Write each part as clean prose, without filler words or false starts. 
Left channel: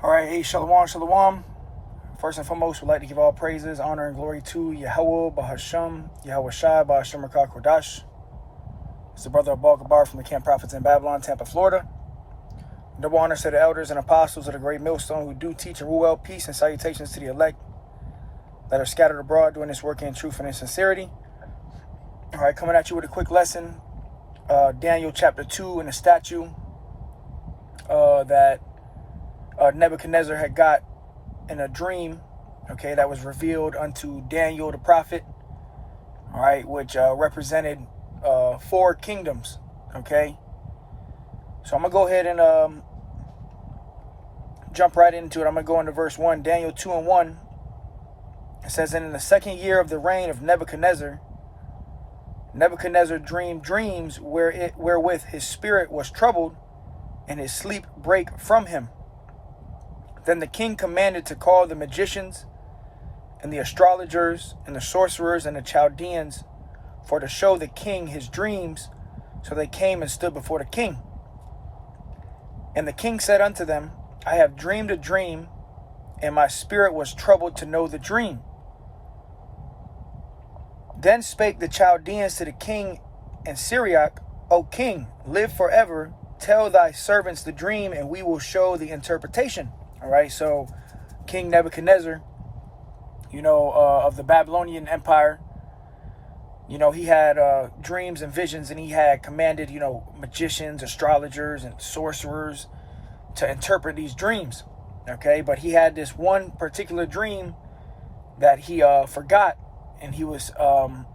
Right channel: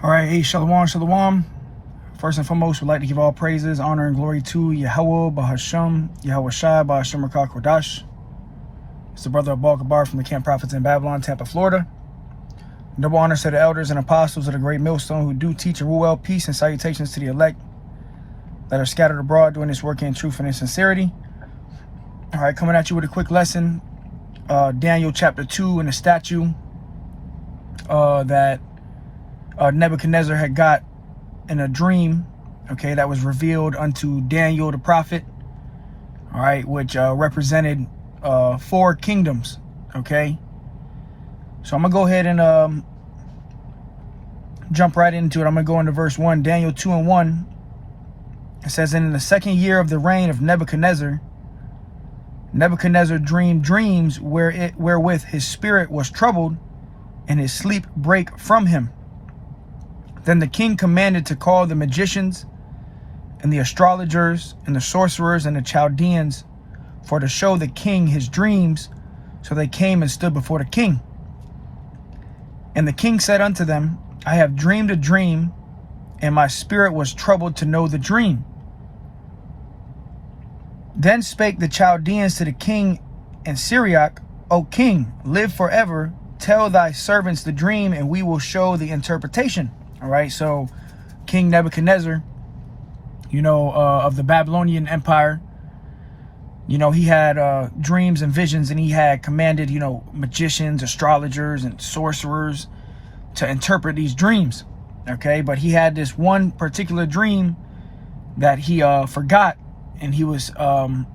All right, hey, shalom, shalom. First and foremost, we'd like to give all praises, honor, and glory to Yahweh, Bahasham, Yahweh Shai, Bahasham Rakah Kodash. It's the brother of Baal Gabar from the Camp Prophets in Babylon, Tampa, Florida. Double honors to the elders and apostles of the great millstone who do teach and rule well. Peace and salutations to the elect that are scattered abroad doing this work in truth and in sincerity. All right, coming at you with a quick lesson. Daniel chapter 2 and the statue that Nebuchadnezzar had got in a dream, okay, that was revealed unto Daniel the prophet, all right, which represented 4 kingdoms, okay. So I'm gonna go ahead and jump right into it. I'm gonna go into verse 1, Daniel 2:1. It says, "And in the 2nd year of the reign of Nebuchadnezzar, Nebuchadnezzar dreamed dreams wherewith his spirit was troubled, and his sleep brake from him. Then the king commanded to call the magicians and the astrologers and the sorcerers and the Chaldeans for to show the king his dreams. So they came and stood before the king. And the king said unto them, I have dreamed a dream, and my spirit was troubled to know the dream. Then spake the Chaldeans to the king in Syriac, O king, live forever. Tell thy servants the dream, and we will show the interpretation." All right, so King Nebuchadnezzar, of the Babylonian Empire, he had dreams and visions, and he had commanded, magicians, astrologers, and sorcerers to interpret these dreams, okay? But he had this one particular dream that he forgot, and he was, trying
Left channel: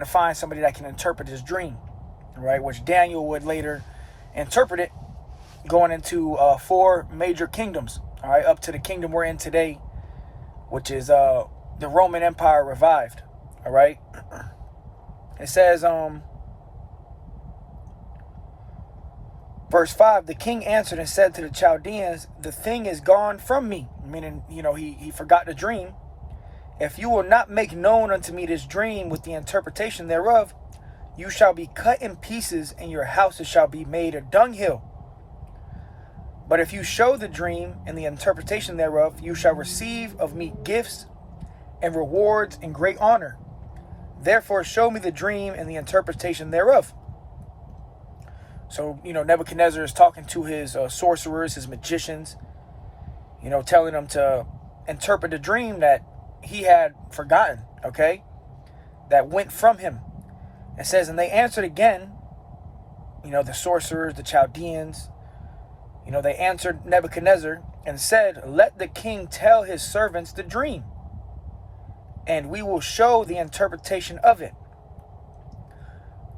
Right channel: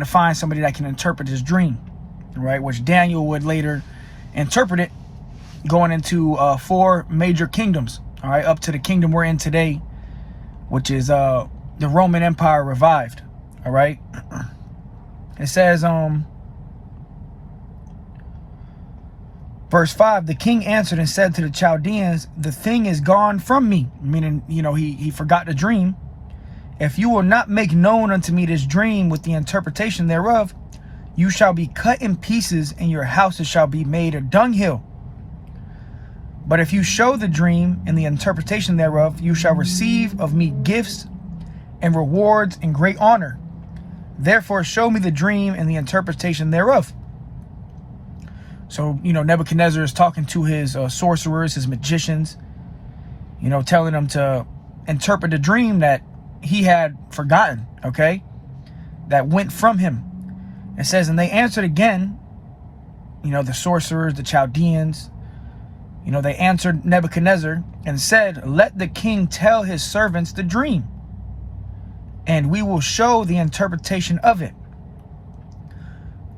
to find somebody that can interpret his dream, right? Which Daniel would later interpret it, going into 4 major kingdoms, all right, up to the kingdom we're in today, which is the Roman Empire revived, all right. It says, verse 5, the king answered and said to the Chaldeans, the thing is gone from me, meaning, he forgot the dream. If you will not make known unto me this dream with the interpretation thereof, you shall be cut in pieces, and your houses shall be made a dunghill. But if you show the dream and the interpretation thereof, you shall receive of me gifts and rewards and great honor. Therefore show me the dream and the interpretation thereof." So, Nebuchadnezzar is talking to his sorcerers, his magicians, telling them to interpret the dream that he had forgotten, okay, that went from him. It says, and they answered again, the sorcerers, the Chaldeans, they answered Nebuchadnezzar and said, let the king tell his servants the dream, and we will show the interpretation of it.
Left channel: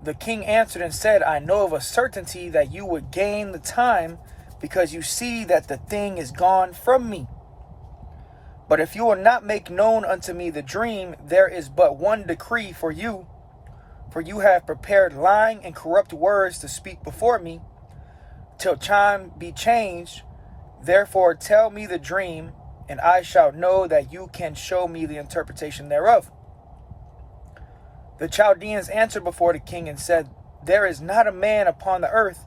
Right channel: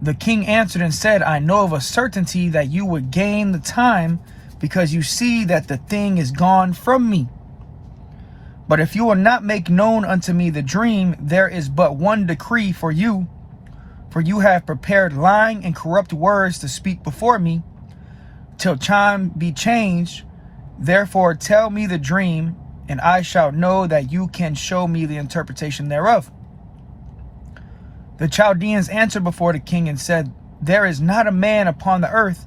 The king answered and said, I know of a certainty that you would gain the time, because you see that the thing is gone from me. But if you will not make known unto me the dream, there is but one decree for you have prepared lying and corrupt words to speak before me, till time be changed. Therefore tell me the dream, and I shall know that you can show me the interpretation thereof. The Chaldeans answered before the king and said, there is not a man upon the earth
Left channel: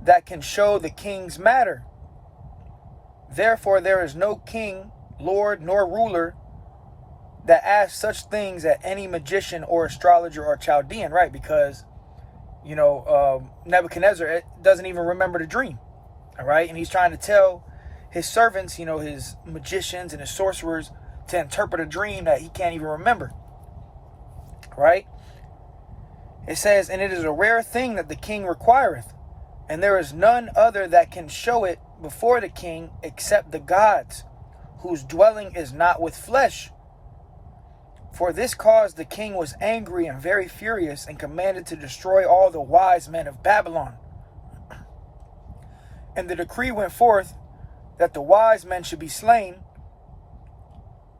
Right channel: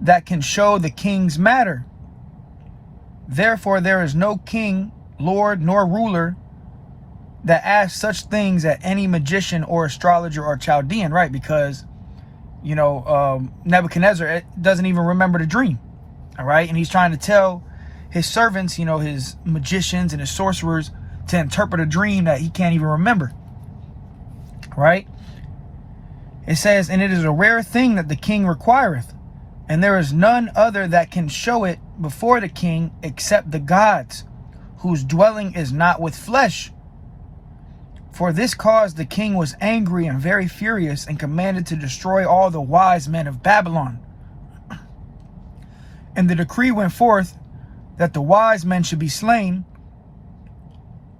that can show the king's matter. Therefore there is no king, lord, nor ruler that asks such things at any magician or astrologer or Chaldean, right? Because Nebuchadnezzar doesn't even remember the dream, all right? And he's trying to tell his servants, his magicians and his sorcerers, to interpret a dream that he can't even remember, right? It says, and it is a rare thing that the king requireth, and there is none other that can show it before the king except the gods, whose dwelling is not with flesh. For this cause the king was angry and very furious, and commanded to destroy all the wise men of Babylon. And the decree went forth that the wise men should be slain,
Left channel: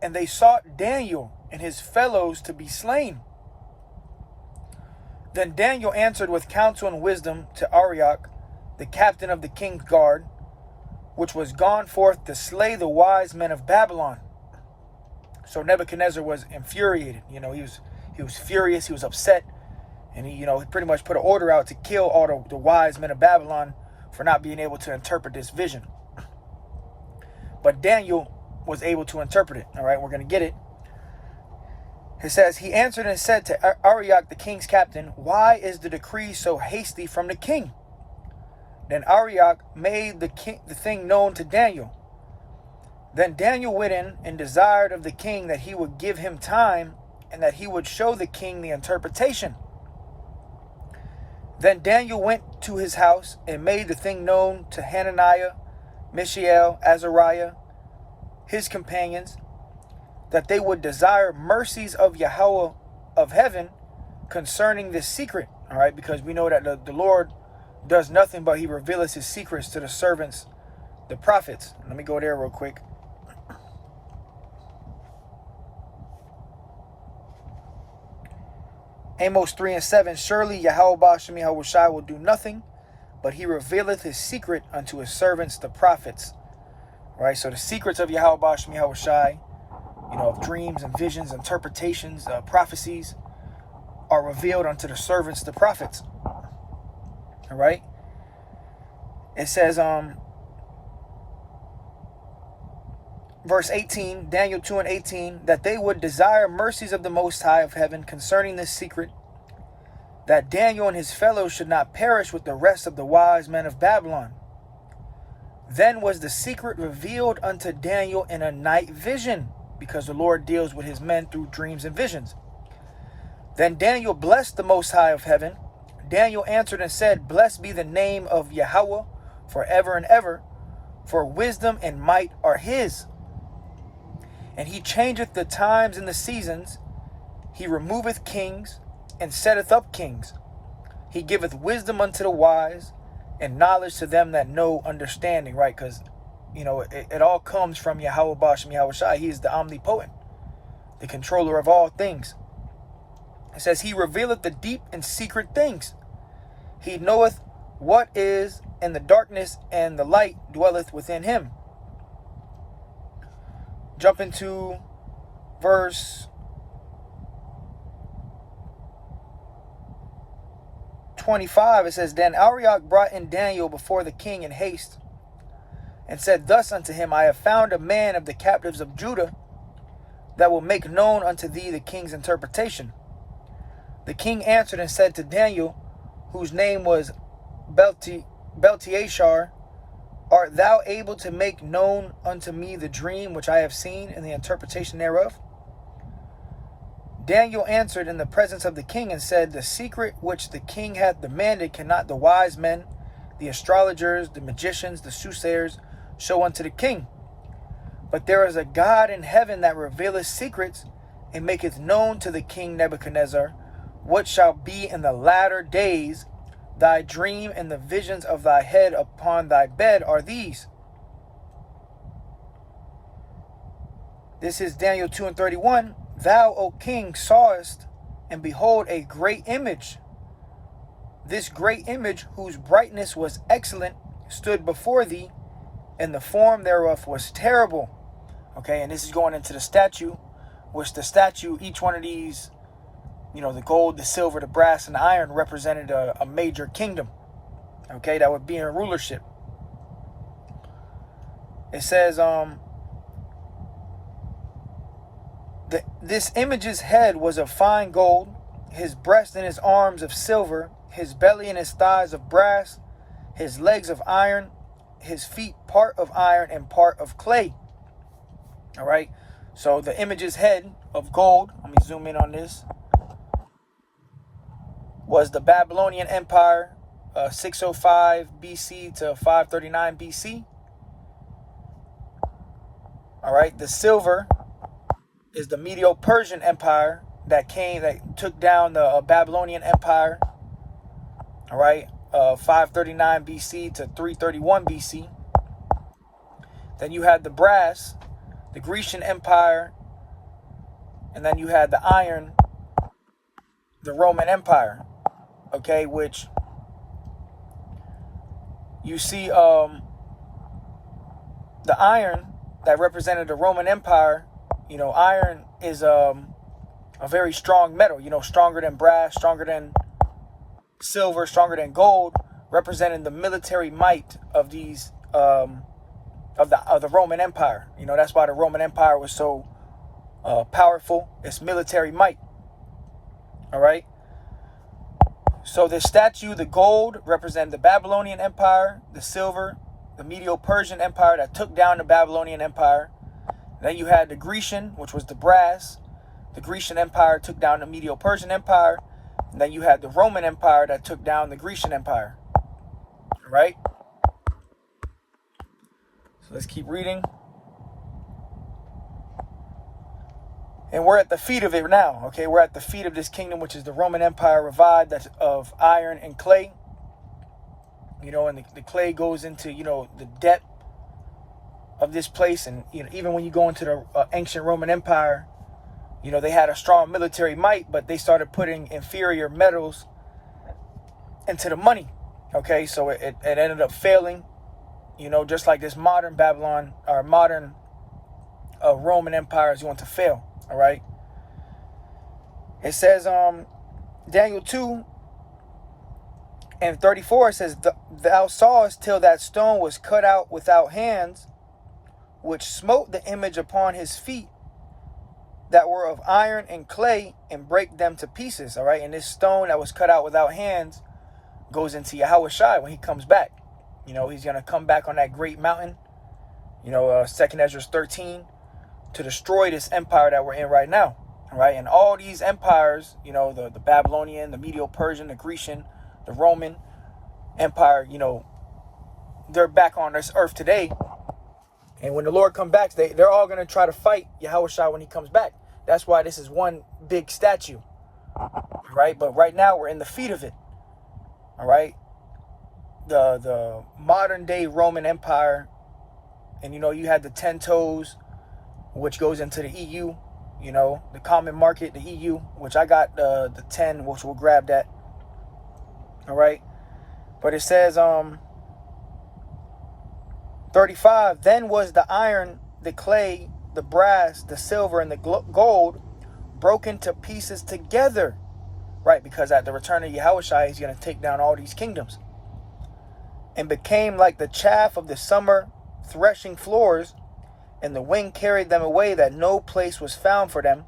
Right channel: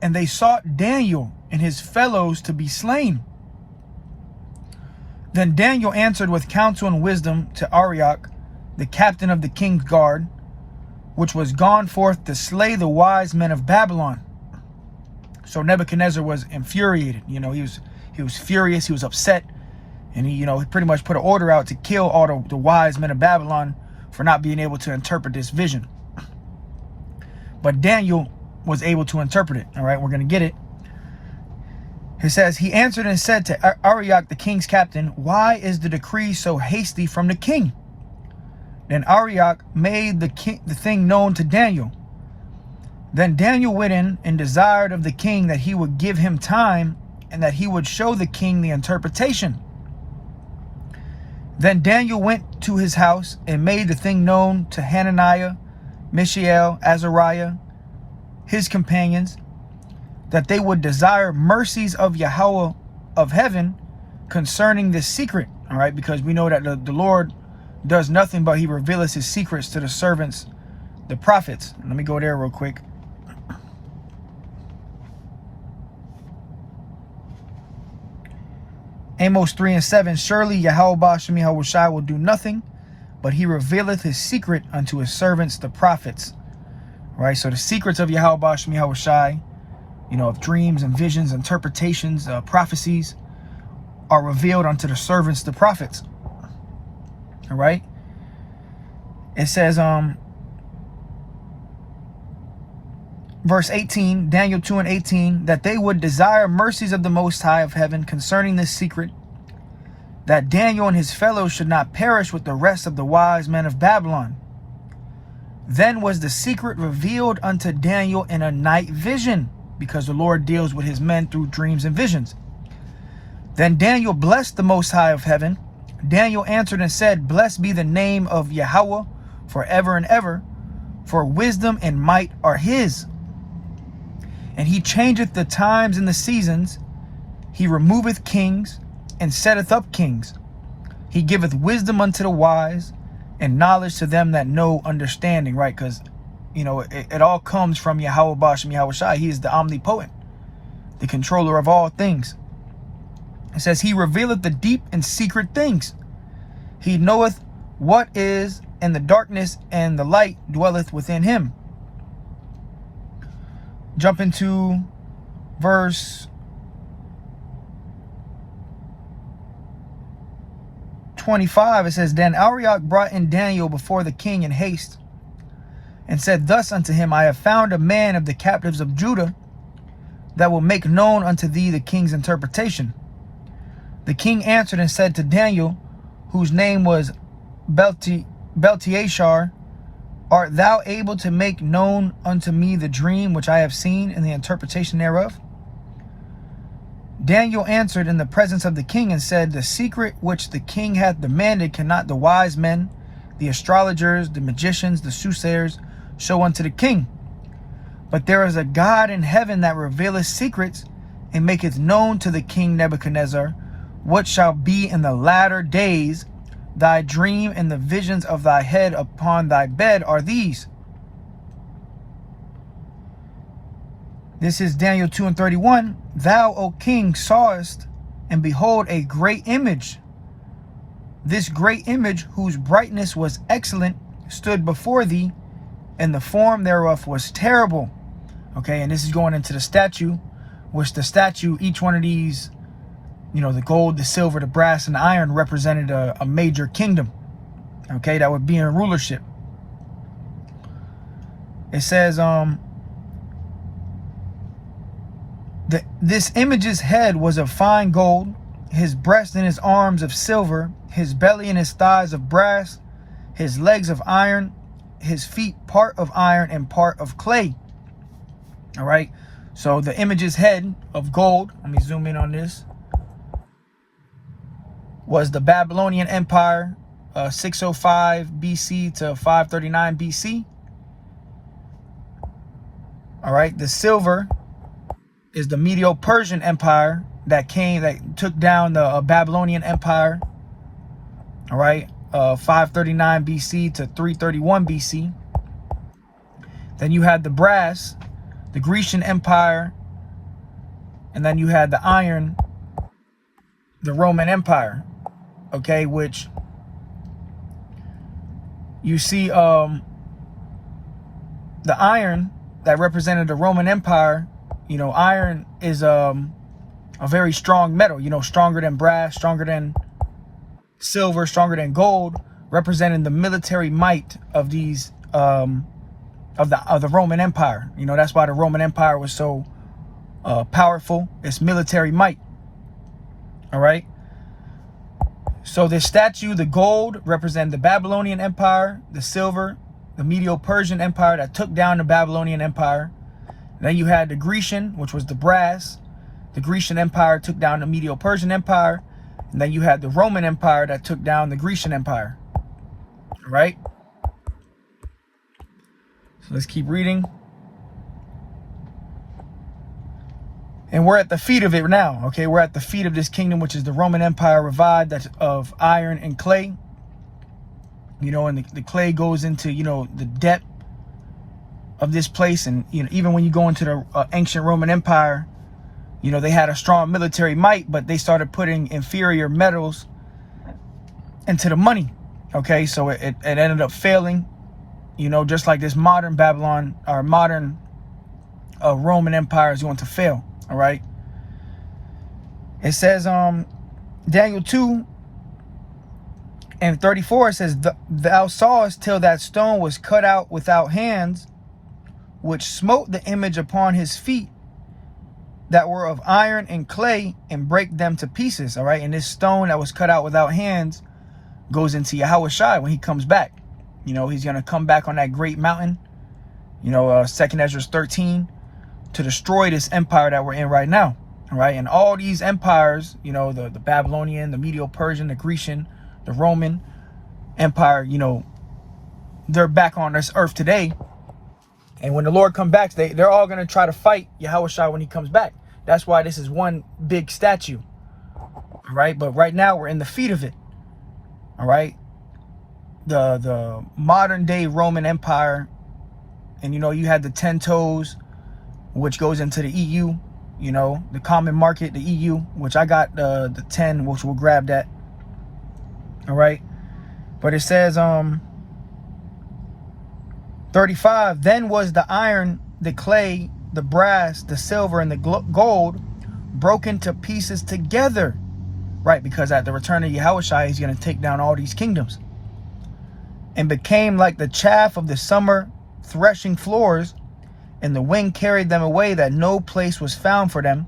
and they sought Daniel and his fellows to be slain. Then Daniel answered with counsel and wisdom to Arioch, the captain of the king's guard, which was gone forth to slay the wise men of Babylon. So Nebuchadnezzar was infuriated. He was furious. He was upset, and he pretty much put an order out to kill all the wise men of Babylon for not being able to interpret this vision. But Daniel was able to interpret it. All right, we're going to get it. It says, he answered and said to Arioch, the king's captain, why is the decree so hasty from the king? Then Arioch made the thing known to Daniel. Then Daniel went in and desired of the king that he would give him time and that he would show the king the interpretation. Then Daniel went to his house and made the thing known to Hananiah, Mishael, Azariah, his companions, that they would desire mercies of Yahweh of heaven concerning this secret. All right, because we know that the Lord does nothing but he reveals his secrets to the servants, the prophets. Let me go there real quick. Amos 3:7, surely Yahweh Ba'ashem Yahushai will do nothing, but he revealeth his secret unto his servants, the prophets. All right, so the secrets of Yahweh Ba'ashem Yahushai, of dreams and visions, interpretations, prophecies, are revealed unto the servants, the prophets. All right. It says, verse 18, Daniel 2:18, that they would desire mercies of the Most High of heaven concerning this secret, that Daniel and his fellows should not perish with the rest of the wise men of Babylon. Then was the secret revealed unto Daniel in a night vision, because the Lord deals with his men through dreams and visions. Then Daniel blessed the Most High of heaven. Daniel answered and said, blessed be the name of Yahweh forever and ever, for wisdom and might are his. And he changeth the times and the seasons. He removeth kings and setteth up kings. He giveth wisdom unto the wise and knowledge to them that know understanding, right? Because, it all comes from Yahweh Ba'ashem Yahushai. He is the omnipotent, the controller of all things. It says, he revealeth the deep and secret things. He knoweth what is in the darkness, and the light dwelleth within him. Jump into verse 25. It says, then Arioch brought in Daniel before the king in haste, and said thus unto him, I have found a man of the captives of Judah that will make known unto thee the king's interpretation. The king answered and said to Daniel, whose name was Belteshazzar, art thou able to make known unto me the dream which I have seen and the interpretation thereof? Daniel answered in the presence of the king and said, the secret which the king hath demanded cannot the wise men, the astrologers, the magicians, the soothsayers show unto the king. But there is a God in heaven that revealeth secrets, and maketh known to the king Nebuchadnezzar what shall be in the latter days. Thy dream and the visions of thy head upon thy bed are these. This is Daniel 2:31. Thou, O king, sawest, and behold, a great image. This great image, whose brightness was excellent, stood before thee, and the form thereof was terrible. Okay, and this is going into the statue, which the statue, each one of these, the gold, the silver, the brass, and the iron represented a major kingdom. Okay, that would be in rulership. It says, this image's head was of fine gold, his breast and his arms of silver, his belly and his thighs of brass, his legs of iron, his feet part of iron and part of clay. All right, so the image's head of gold, let me zoom in on this, was the Babylonian Empire, 605 BC to 539 BC. All right, the silver is the Medo-Persian Empire that took down the Babylonian Empire. All right, 539 BC to 331 BC. Then you had the brass, the Grecian Empire, and then you had the iron, the Roman Empire. Okay, which you see the iron that represented the Roman Empire. Iron is a very strong metal, stronger than brass, stronger than silver, stronger than gold. representing the military might of these of the Roman Empire. You know, that's why the Roman Empire was so powerful. It's military might. All right. So this statue, the gold, represent the Babylonian Empire, the silver, the Medo-Persian Empire that took down the Babylonian Empire. And then you had the Grecian, which was the brass. The Grecian Empire took down the Medo-Persian Empire. And then you had the Roman Empire that took down the Grecian Empire. All right? So let's keep reading. And we're at the feet of it now, okay? We're at the feet of this kingdom, which is the Roman Empire revived, that's of iron and clay. You know, and the clay goes into, you know, the depth of this place. And, you know, even when you go into the ancient Roman Empire, you know, they had a strong military might, but they started putting inferior metals into the money, okay? So it ended up failing, you know, just like this modern Babylon, or modern Roman Empire is going to fail. All right. It says, Daniel 2 and 34, it says, thou sawest till that stone was cut out without hands, which smote the image upon his feet that were of iron and clay, and break them to pieces. All right. And this stone that was cut out without hands goes into Yahushua when he comes back. You know, he's going to come back on that great mountain, you know, 2nd Ezra 13, to destroy this empire that we're in right now. All right. And all these empires, you know, the Babylonian, the Medo-Persian, the Grecian, the Roman Empire, you know, they're back on this earth today. And when the Lord comes back, they're all going to try to fight Yahushua when he comes back. That's why this is one big statue. All right. But right now we're in the feet of it. All right. The modern day Roman Empire. And, you know, you had the 10 toes, which goes into the EU, you know, the common market, the EU, which I got the 10, which we'll grab that. All right. But it says, 35, then was the iron, the clay, the brass, the silver, and the gold broken to pieces together. Right. Because at the return of Yahushua, he's going to take down all these kingdoms, and became like the chaff of the summer threshing floors. And the wind carried them away, that no place was found for them.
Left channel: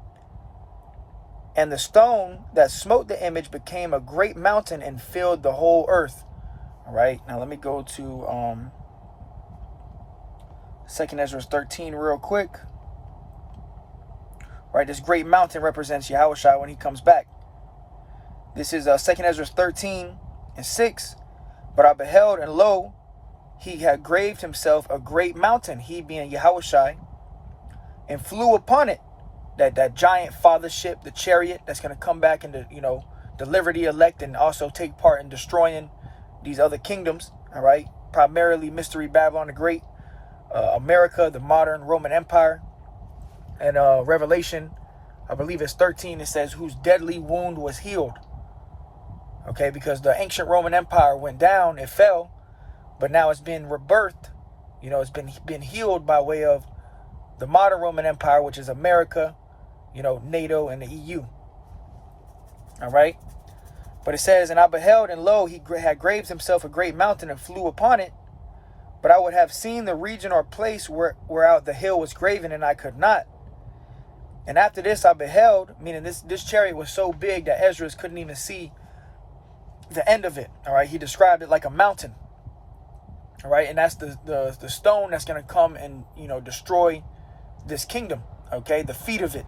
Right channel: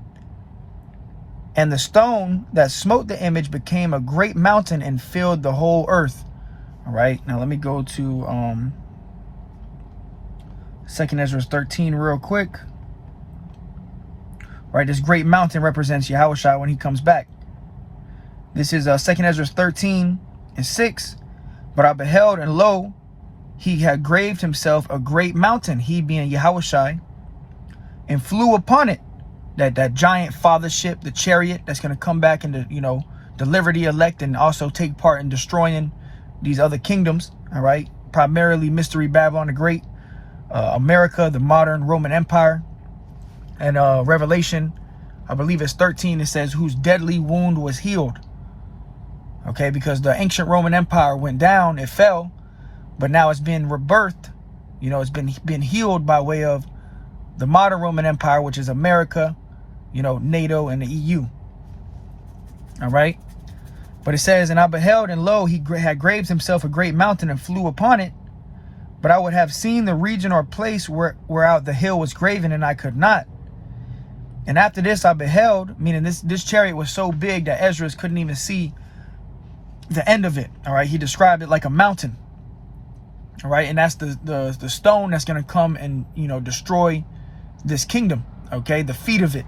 And the stone that smote the image became a great mountain and filled the whole earth. All right. Now let me go to 2nd Ezra 13 real quick. All right. This great mountain represents Yahushua when he comes back. This is 2nd Ezra 13 and 6. But I beheld, and lo, he had graved himself a great mountain, he being Yahushua, and flew upon it. That giant fathership, the chariot that's going to come back and, you know, deliver the elect and also take part in destroying these other kingdoms. All right. Primarily Mystery Babylon the Great, America, the modern Roman Empire. And Revelation, I believe it's 13, it says, whose deadly wound was healed. Okay. Because the ancient Roman Empire went down, it fell. But now it's been rebirthed, you know, it's been healed by way of the modern Roman Empire, which is America, you know, NATO and the EU. All right. But it says, and I beheld, and lo, he had graved himself a great mountain and flew upon it. But I would have seen the region or place whereout the hill was graven, and I could not. And after this I beheld, meaning this chariot was so big that Ezra couldn't even see the end of it. All right. He described it like a mountain. All right. And that's the stone that's going to come and, you know, destroy this kingdom. Okay. The feet of it.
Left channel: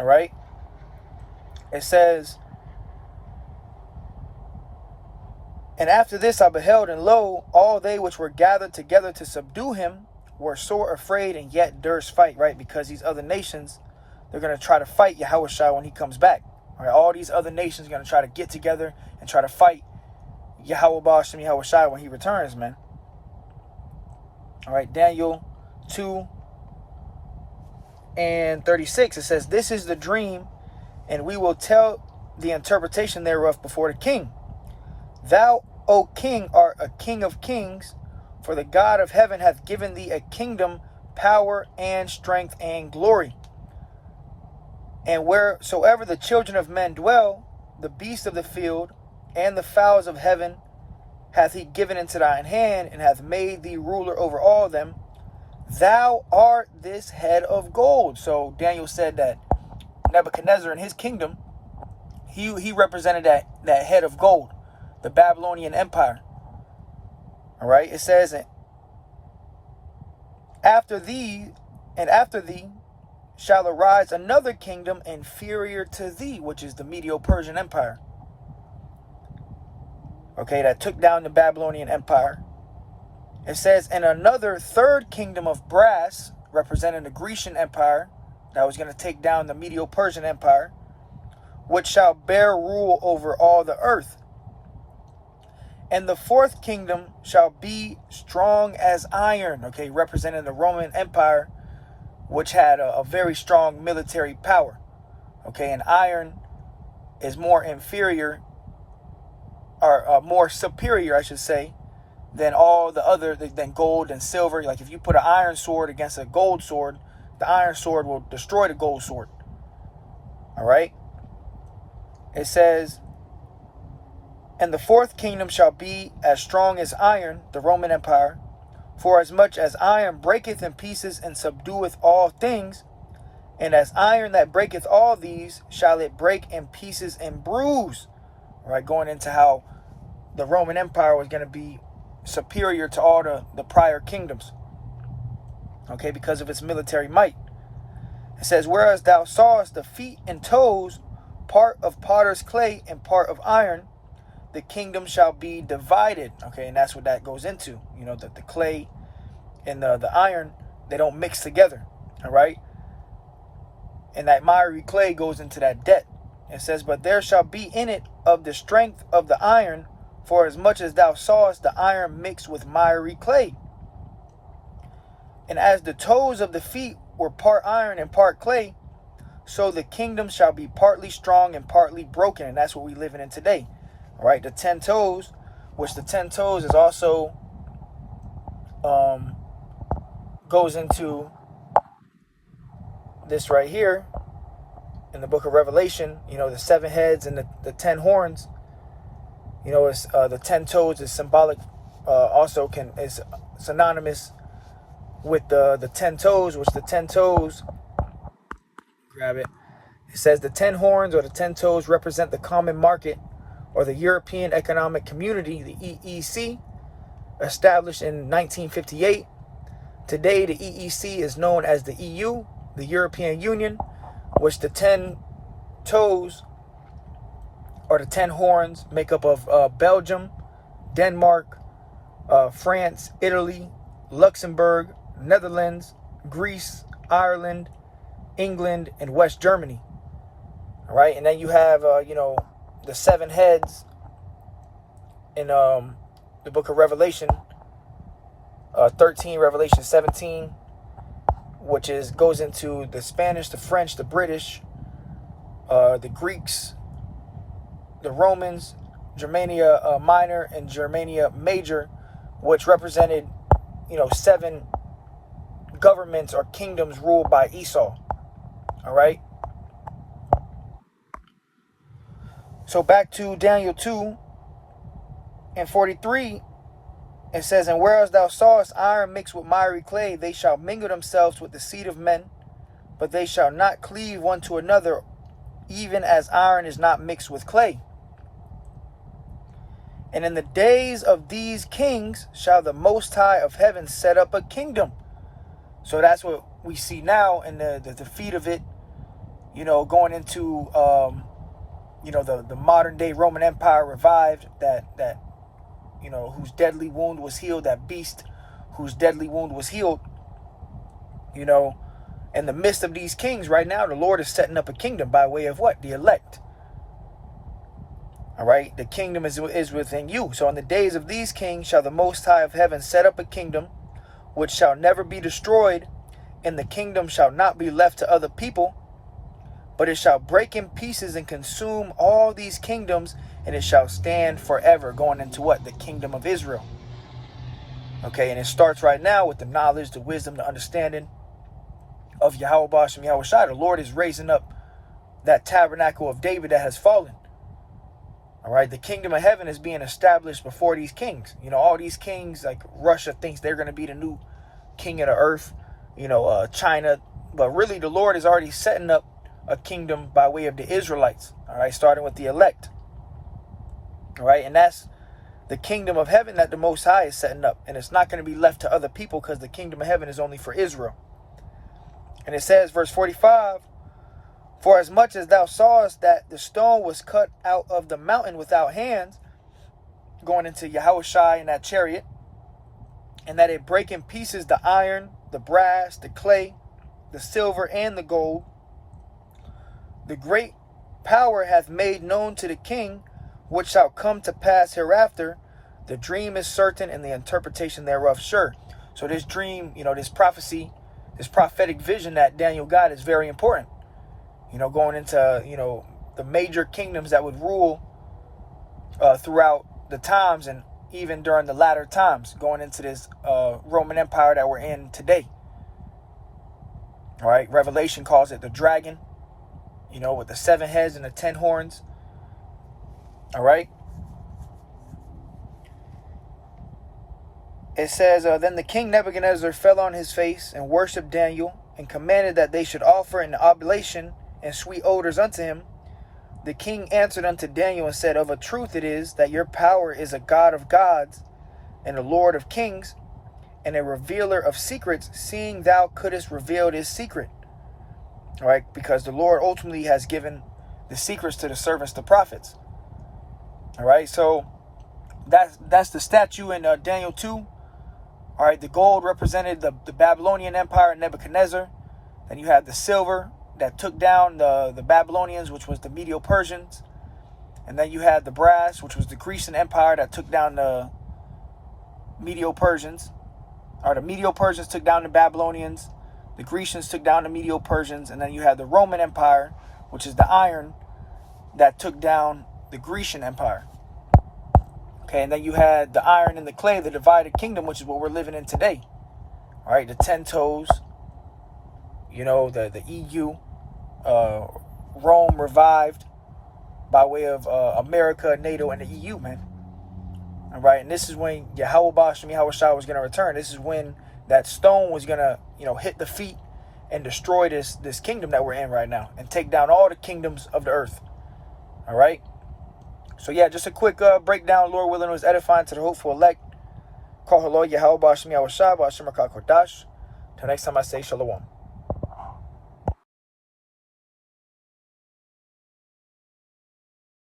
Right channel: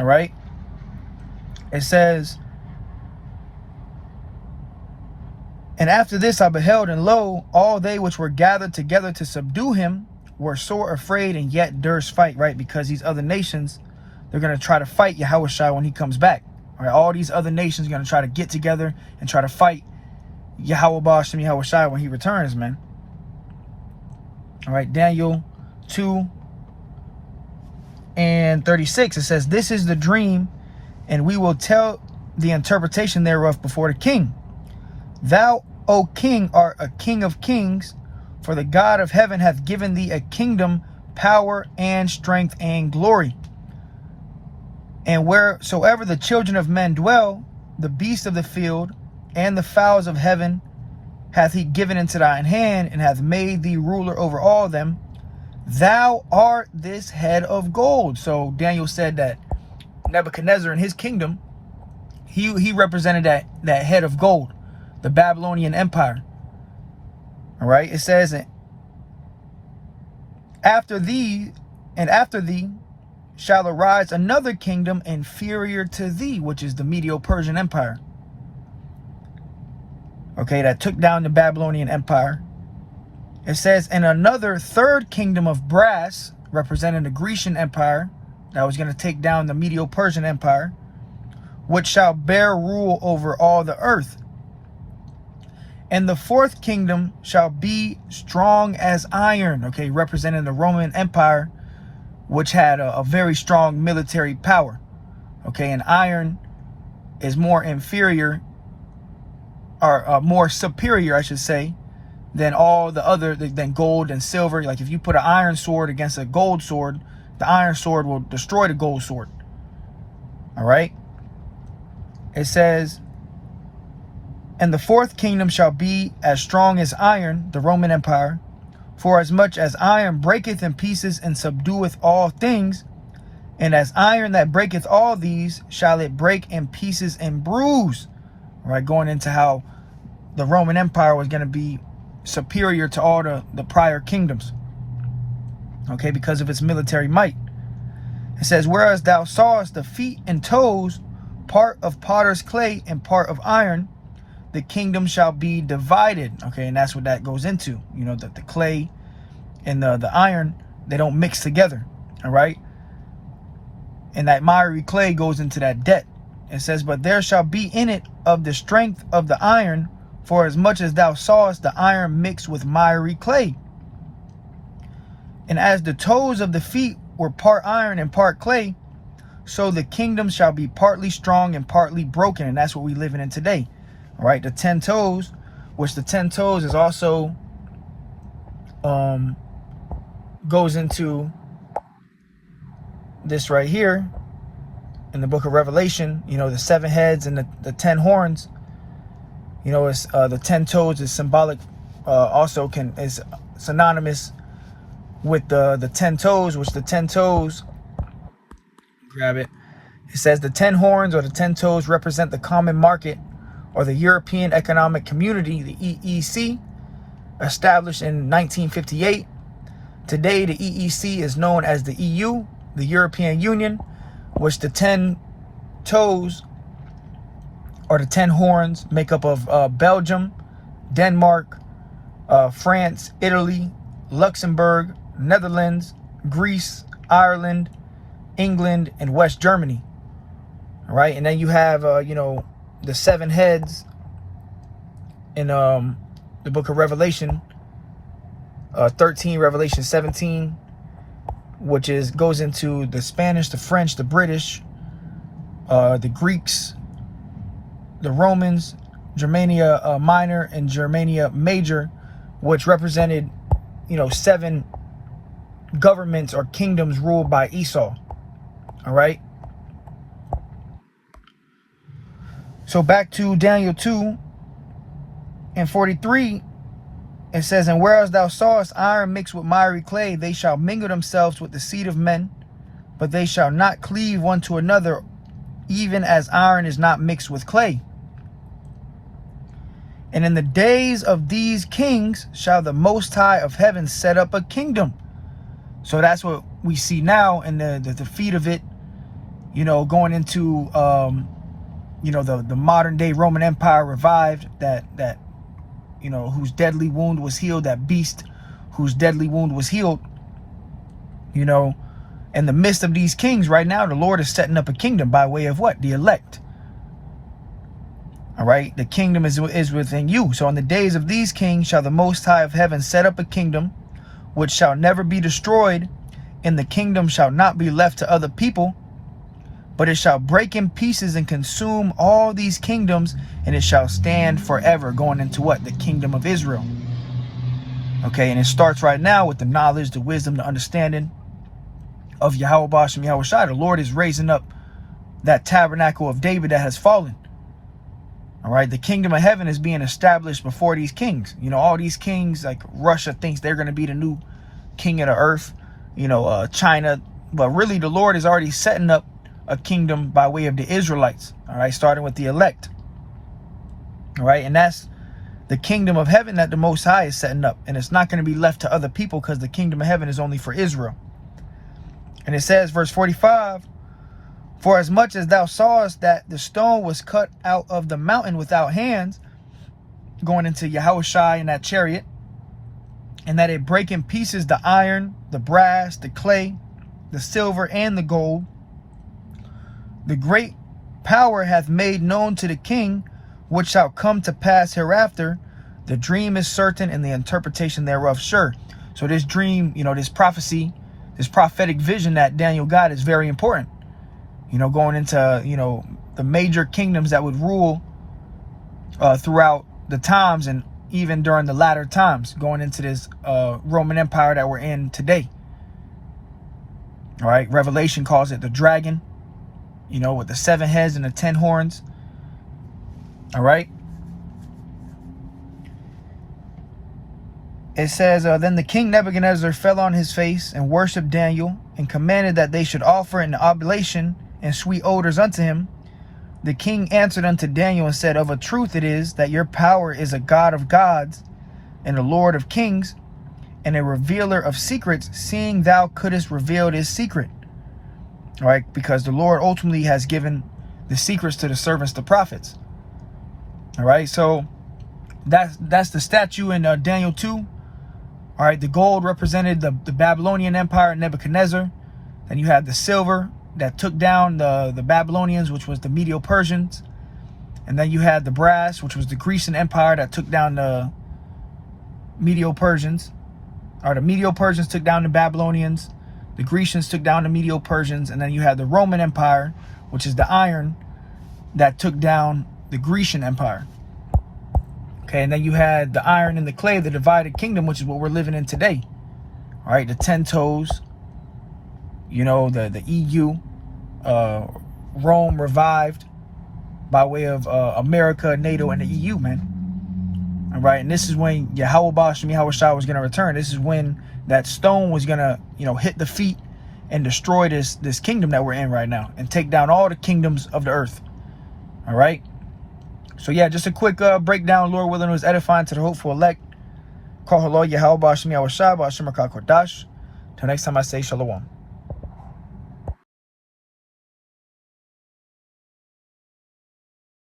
All right. It says, and after this I beheld, and lo, all they which were gathered together to subdue him were sore afraid, and yet durst fight. Right. Because these other nations, they're going to try to fight Yahushua when he comes back. All right. All these other nations are going to try to get together and try to fight Yahushua when he returns, man. All right, Daniel 2 and 36, it says, this is the dream, and we will tell the interpretation thereof before the king. Thou, O king, art a king of kings, for the God of heaven hath given thee a kingdom, power, and strength, and glory. And wheresoever the children of men dwell, the beasts of the field, and the fowls of heaven, hath he given into thine hand, and hath made thee ruler over all them. Thou art this head of gold. So Daniel said that Nebuchadnezzar in his kingdom, he represented that head of gold, the Babylonian Empire. All right, it says, after thee shall arise another kingdom inferior to thee, which is the Medo-Persian Empire. Okay, that took down the Babylonian Empire. It says, and another third kingdom of brass, representing the Grecian Empire, that was going to take down the Medo-Persian Empire, which shall bear rule over all the earth. And the fourth kingdom shall be strong as iron, okay, representing the Roman Empire, which had a very strong military power. Okay, and iron is more inferior, or more superior, I should say, than all the other, than gold and silver. Like if you put an iron sword against a gold sword, the iron sword will destroy the gold sword. All right. It says, and the fourth kingdom shall be as strong as iron, the Roman Empire. For as much as iron breaketh in pieces and subdueth all things, and as iron that breaketh all these, shall it break in pieces and bruise. All right, going into how the Roman Empire was going to be superior to all the prior kingdoms. Okay, because of its military might. It says, whereas thou sawest the feet and toes, part of potter's clay and part of iron, the kingdom shall be divided. Okay, and that's what that goes into. You know, that the clay and the iron, they don't mix together. All right. And that miry clay goes into that debt. It says, but there shall be in it of the strength of the iron, for as much as thou sawest the iron mixed with miry clay. And as the toes of the feet were part iron and part clay, so the kingdom shall be partly strong and partly broken. And that's what we're living in today. All right, the 10 toes, which the 10 toes is also goes into this right here in the book of Revelation. You know, the 7 heads and the 10 horns. You know, it's the 10 toes is symbolic. Also is synonymous with the 10 toes, which the 10 toes. Grab it. It says the 10 horns or the 10 toes represent the common market, or the European Economic Community, the EEC, established in 1958. Today, the EEC is known as the EU, the European Union, which the 10 toes or the 10 horns make up of Belgium, Denmark, France, Italy, Luxembourg, Netherlands, Greece, Ireland, England, and West Germany. All right, and then you have, the 7 heads in the book of Revelation 13, Revelation 17, which goes into the Spanish, the French, the British, the Greeks, the Romans, Germania Minor and Germania Major, which represented 7 governments or kingdoms ruled by Esau. All right. So back to Daniel 2 and 43, it says, and whereas thou sawest iron mixed with miry clay, they shall mingle themselves with the seed of men, but they shall not cleave one to another, even as iron is not mixed with clay. And in the days of these kings shall the Most High of heaven set up a kingdom. So that's what we see now in the defeat of it, going into the modern day Roman Empire revived, that whose deadly wound was healed, that beast whose deadly wound was healed. In the midst of these kings right now, the Lord is setting up a kingdom by way of what? The elect. All right, the kingdom is within you. So in the days of these kings shall the Most High of heaven set up a kingdom which shall never be destroyed, and the kingdom shall not be left to other people, but it shall break in pieces and consume all these kingdoms, and it shall stand forever. Going into what? The kingdom of Israel. Okay, and it starts right now with the knowledge, the wisdom, the understanding of Yahweh Bashem Yahweh Shai. The Lord is raising up that tabernacle of David that has fallen. All right, the kingdom of heaven is being established before these kings. You know, all these kings, like Russia thinks they're going to be the new king of the earth. You know, China. But really, the Lord is already setting up a kingdom by way of the Israelites. All right, starting with the elect. All right, and that's the kingdom of heaven that the Most High is setting up. And it's not going to be left to other people because the kingdom of heaven is only for Israel. And it says, verse 45, for as much as thou sawest that the stone was cut out of the mountain without hands, going into Yahushua in that chariot, and that it brake in pieces the iron, the brass, the clay, the silver, and the gold, the great power hath made known to the king which shall come to pass hereafter. The dream is certain and the interpretation thereof sure. So this dream, you know, this prophecy, this prophetic vision that Daniel got is very important. You know, going into, you know, the major kingdoms that would rule throughout the times and even during the latter times, going into this Roman Empire that we're in today. All right, Revelation calls it the dragon, you know, with the 7 heads and the 10 horns. All right. It says, then the king Nebuchadnezzar fell on his face and worshipped Daniel and commanded that they should offer an oblation and sweet odors unto him. The king answered unto Daniel and said, of a truth it is that your power is a God of gods and a Lord of kings and a revealer of secrets, seeing thou couldst reveal this secret. All right, because the Lord ultimately has given the secrets to the servants, the prophets. All right, so that's the statue in Daniel 2. All right, the gold represented the Babylonian Empire, Nebuchadnezzar. Then you had the silver that took down the Babylonians, which was the Medo-Persians. And then you had the brass, which was the Grecian Empire that took down the Medo-Persians. Or the Medo-Persians took down the Babylonians. The Grecians took down the Medo-Persians. And then you had the Roman Empire, which is the iron, that took down the Grecian Empire. Okay, and then you had the iron and the clay, the divided kingdom, which is what we're living in today. All right, the 10 toes, you know, the EU, Rome revived by way of America, NATO, and the EU, man. All right, and this is when Yahweh Shem Yahushua was going to return. This is when that stone was going to, you know, hit the feet and destroy this kingdom that we're in right now and take down all the kingdoms of the earth. All right. So yeah, just a quick breakdown. Lord willing, was edifying to the hopeful elect. Call hello, Yahweh Shem Yahushua, Ba'ashem Rakah Kodash. Till next time, I say shalom.